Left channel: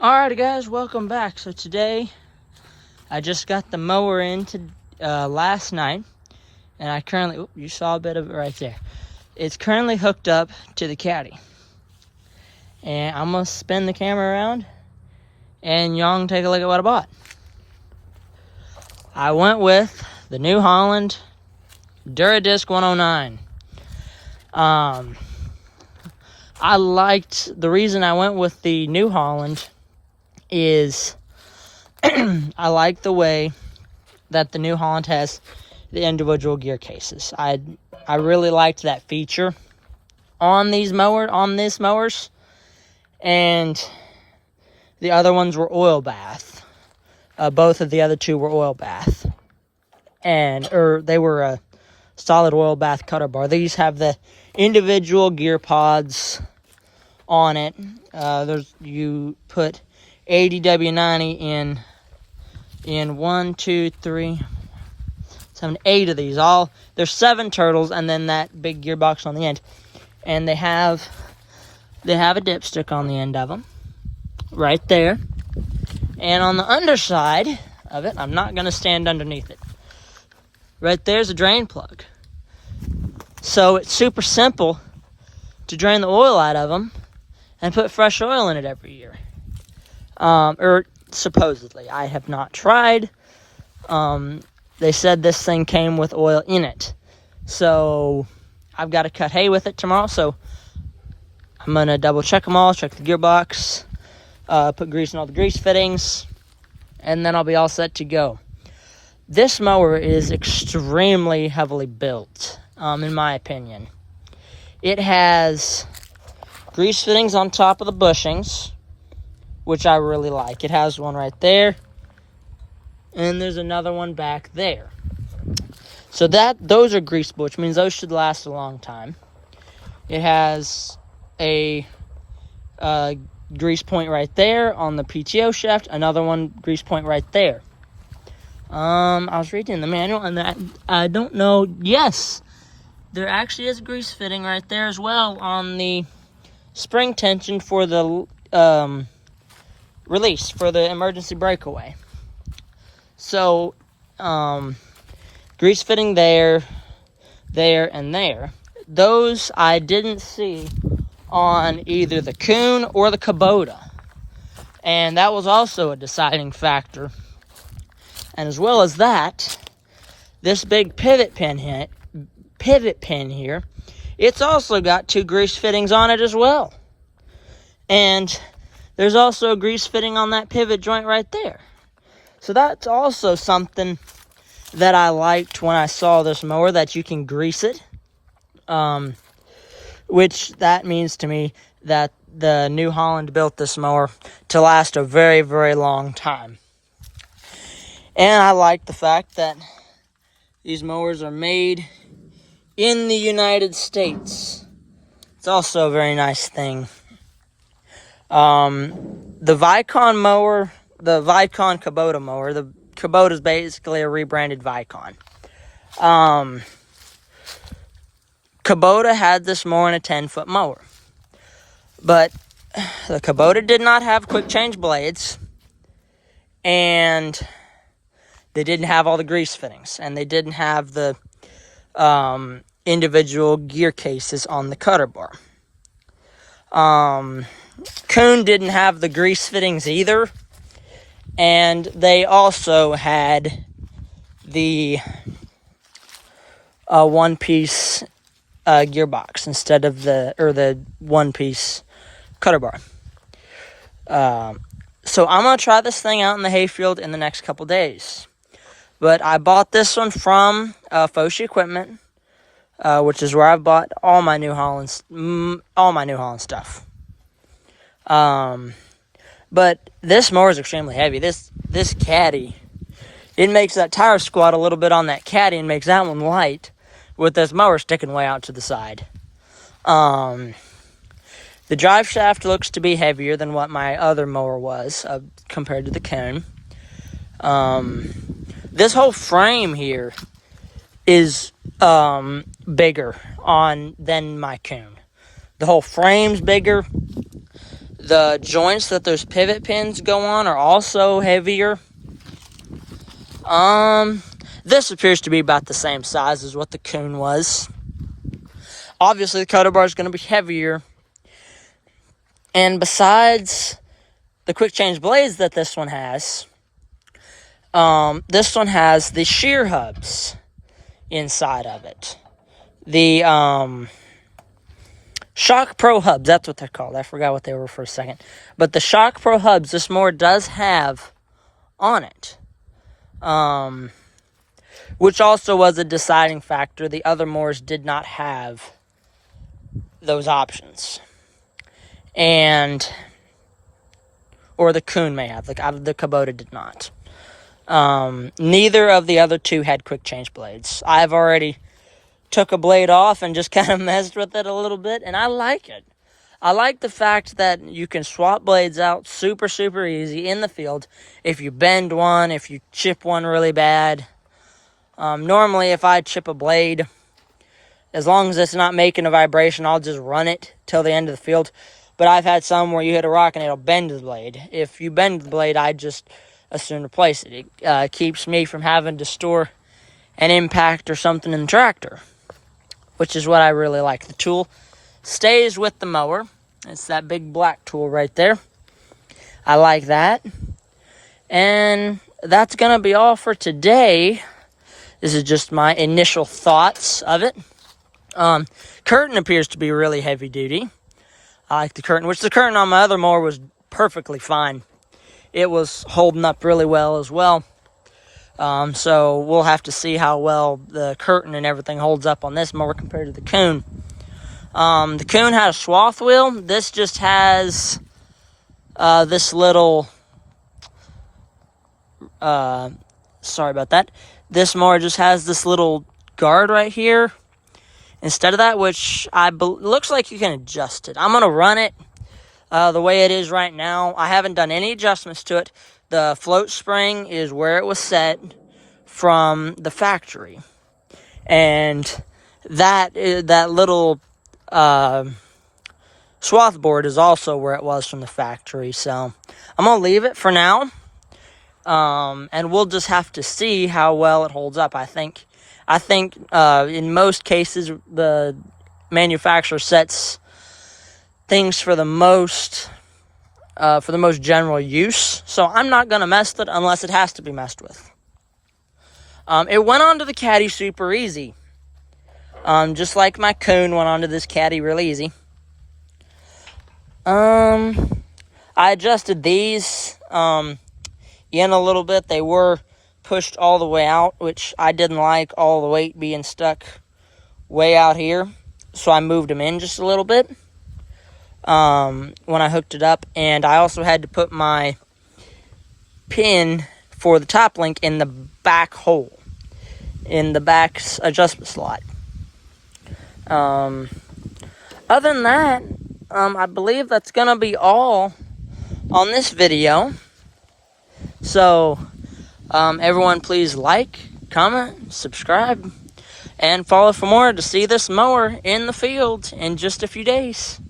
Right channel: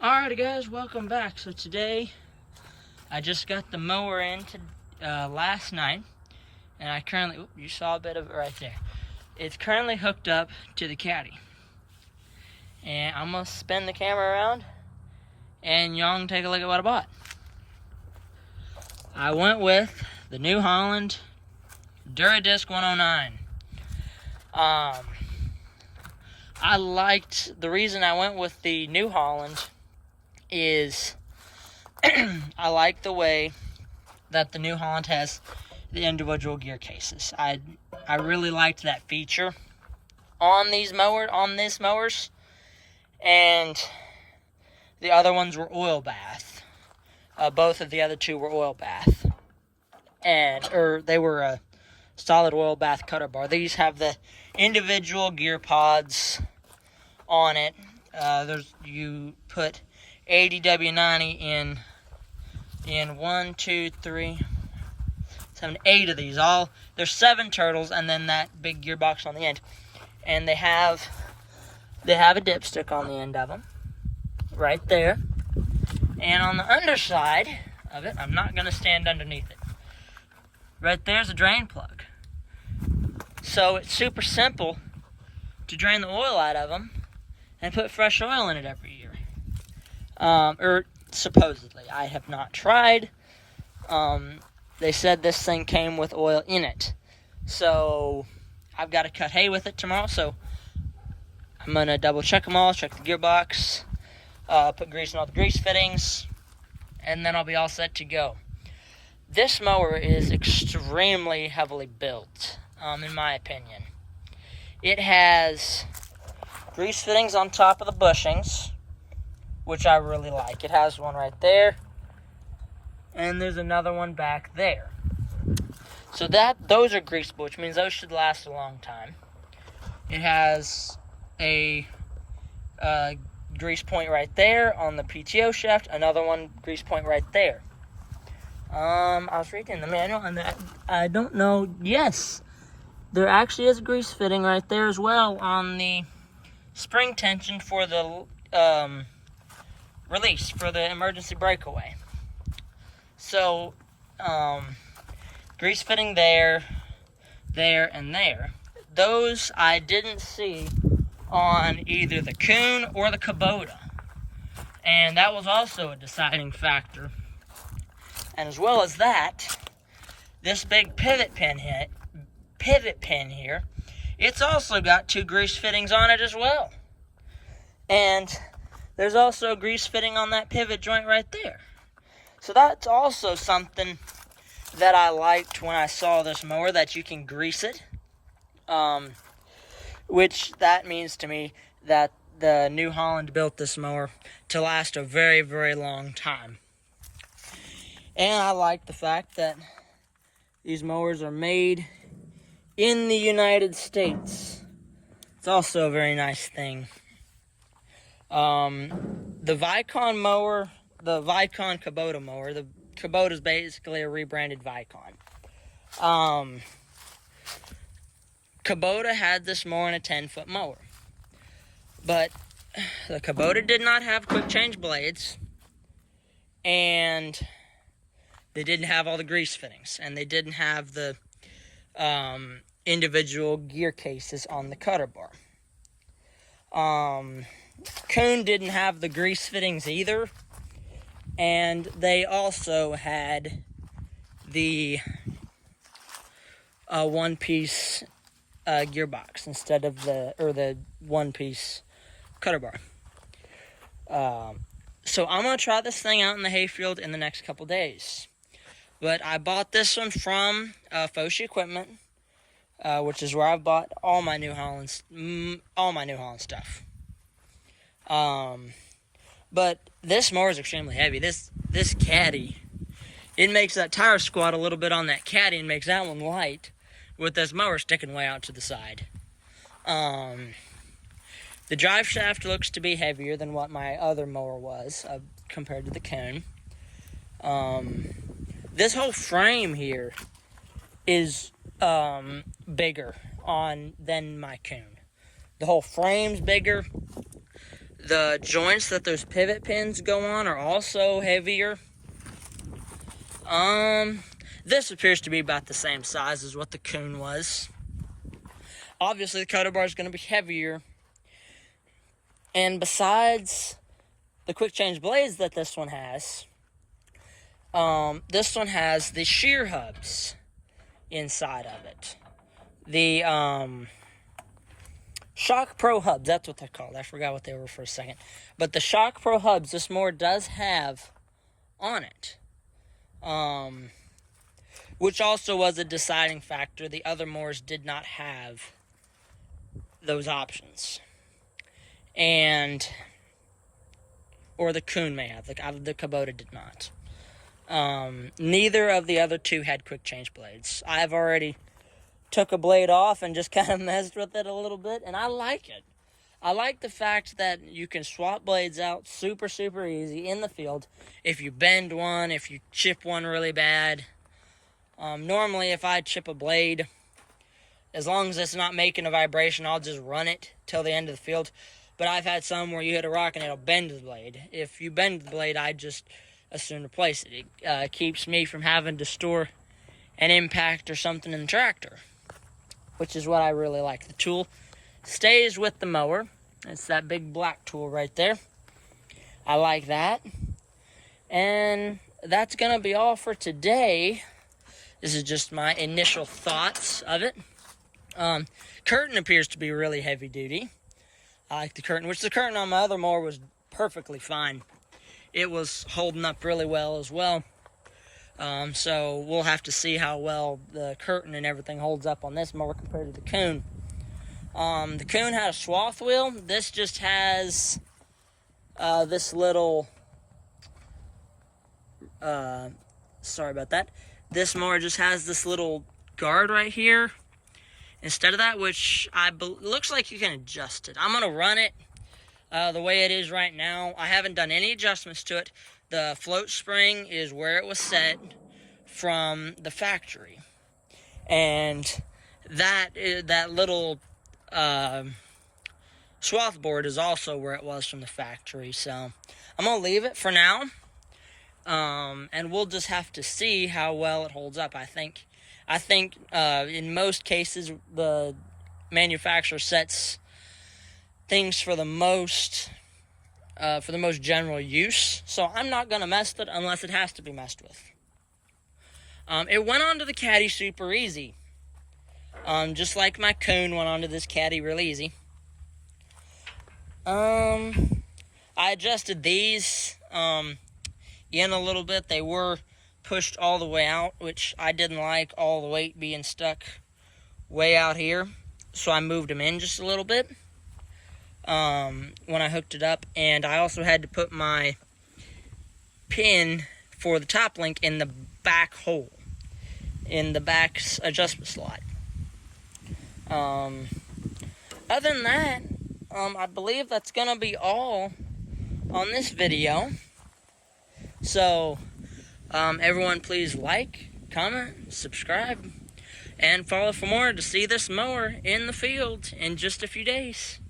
Alrighty guys, welcome back. So today I just got the mower in last night, and I currently, you saw a bit of it right there. It's currently hooked up to the caddy, and I'm gonna spin the camera around and y'all can take a look at what I bought. I went with the New Holland Duradisc 109. The reason I went with the New Holland is I like the way that the New Holland has the individual gear cases. I really liked that feature on these mowers, and the other ones were oil bath. Both of the other two were oil bath, or they were a solid oil bath cutter bar. These have the individual gear pods on it. You put 80W90 in 1, 2, 3, 7, 8 of these. There's 7 turtles, and then that big gearbox on the end. And they have a dipstick on the end of them, right there. And on the underside of it, I'm not gonna stand underneath it. Right there's a drain plug. So it's super simple to drain the oil out of them and put fresh oil in it every year. Or supposedly. I have not tried. They said this thing came with oil in it. So I've got to cut hay with it tomorrow. So I'm going to double check them all, check the gearbox, put grease in all the grease fittings, and then I'll be all set to go. This mower is extremely heavily built, in my opinion. It has grease fittings on top of the bushings, which I really like. It has one right there, and there's another one back there. So those are greasable, which means those should last a long time. It has a grease point right there on the PTO shaft, another one grease point right there. I was reading the manual, and I don't know. Yes, there actually is a grease fitting right there as well on the spring tension for the release for the emergency breakaway. So, grease fitting there, and there. Those I didn't see on either the Kuhn or the Kubota, and that was also a deciding factor. And as well as that, this big pivot pin here, it's also got 2 grease fittings on it as well. And there's also a grease fitting on that pivot joint right there. So that's also something that I liked when I saw this mower, that you can grease it. Which that means to me that the New Holland built this mower to last a very, very long time. And I like the fact that these mowers are made in the United States. It's also a very nice thing. The Vicon mower, the Vicon Kubota mower, the Kubota is basically a rebranded Vicon. Kubota had this mower in a 10-foot mower. But the Kubota did not have quick change blades, and they didn't have all the grease fittings, and they didn't have the individual gear cases on the cutter bar. Kuhn didn't have the grease fittings either, and they also had the one-piece gearbox instead of the one-piece cutter bar. So I'm gonna try this thing out in the hayfield in the next couple days. But I bought this one from Foshi Equipment, which is where I've bought all my New Holland stuff. But this mower is extremely heavy. This caddy, it makes that tire squat a little bit on that caddy and makes that one light, with this mower sticking way out to the side. The drive shaft looks to be heavier than what my other mower was compared to the Kuhn. This whole frame here is bigger than my Kuhn. The whole frame's bigger. The joints that those pivot pins go on are also heavier. This appears to be about the same size as what the Kuhn was. Obviously, the cutter bar is going to be heavier. And besides the quick change blades that this one has the shear hubs inside of it. The Shock Pro hubs, that's what they're called. I forgot what they were for a second. But the Shock Pro hubs, this mower does have on it. Which also was a deciding factor. The other mowers did not have those options. Or the Kuhn may have. The Kubota did not. Neither of the other two had quick change blades. I've already took a blade off and just kind of messed with it a little bit, and I like it. I like the fact that you can swap blades out super, super easy in the field. If you bend one, if you chip one really bad. Normally, if I chip a blade, as long as it's not making a vibration, I'll just run it till the end of the field. But I've had some where you hit a rock and it'll bend the blade. If you bend the blade, I just as soon replace it. It keeps me from having to store an impact or something in the tractor, which is what I really like. The tool stays with the mower. It's that big black tool right there. I like that. And that's going to be all for today. This is just my initial thoughts of it. Curtain appears to be really heavy duty. I like the curtain, which the curtain on my other mower was perfectly fine. It was holding up really well as well. So we'll have to see how well the curtain and everything holds up on this mower compared to the Kuhn. The Kuhn had a swath wheel. This just has this little... sorry about that. This mower just has this little guard right here instead of that, which looks like you can adjust it. I'm going to run it the way it is right now. I haven't done any adjustments to it. The float spring is where it was set from the factory. And that little swath board is also where it was from the factory. So I'm going to leave it for now. And we'll just have to see how well it holds up. I think in most cases, the manufacturer sets things for the most general use. So I'm not going to mess with it unless it has to be messed with. It went onto the caddy super easy. Just like my Kuhn went onto this caddy really easy. I adjusted these in a little bit. They were pushed all the way out, which I didn't like all the weight being stuck way out here. So I moved them in just a little bit when I hooked it up. And I also had to put my pin for the top link in the back hole, in the back adjustment slot. Other than that, I believe that's going to be all on this video. So, everyone please like, comment, subscribe, and follow for more to see this mower in the field in just a few days.